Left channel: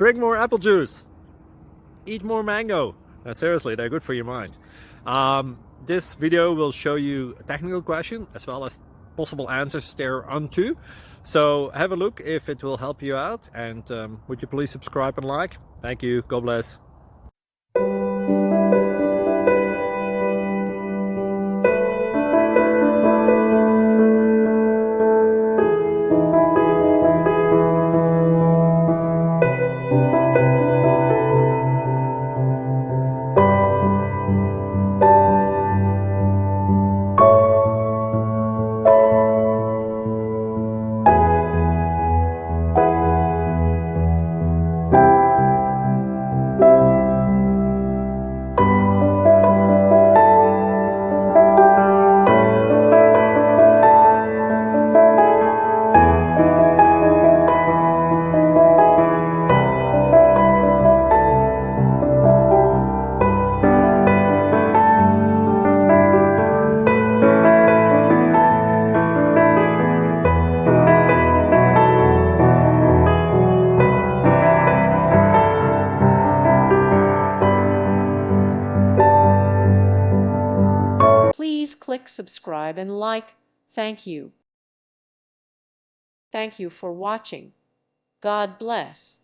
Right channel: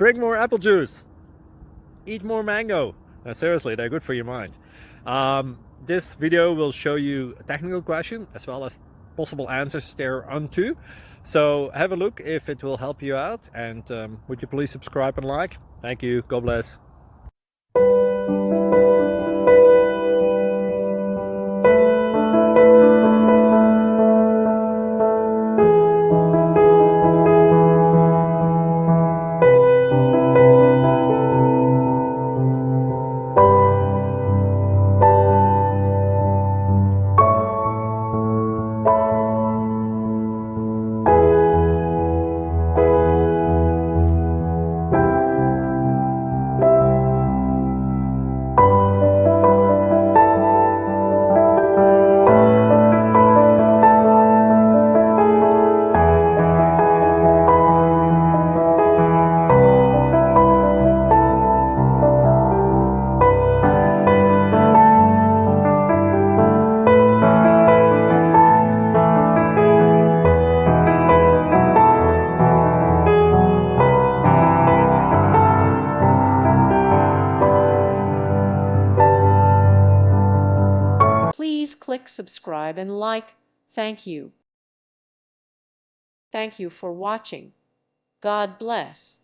Drink more apple juice. Eat more mango. No, seriously, they're good for your mind. This video will show you a technical question as well as possible answers thereunto. So have a look if it will help you out, and would you please subscribe and like? Thank you. God bless. Please click subscribe and like. Thank you. Thank you for watching. God bless.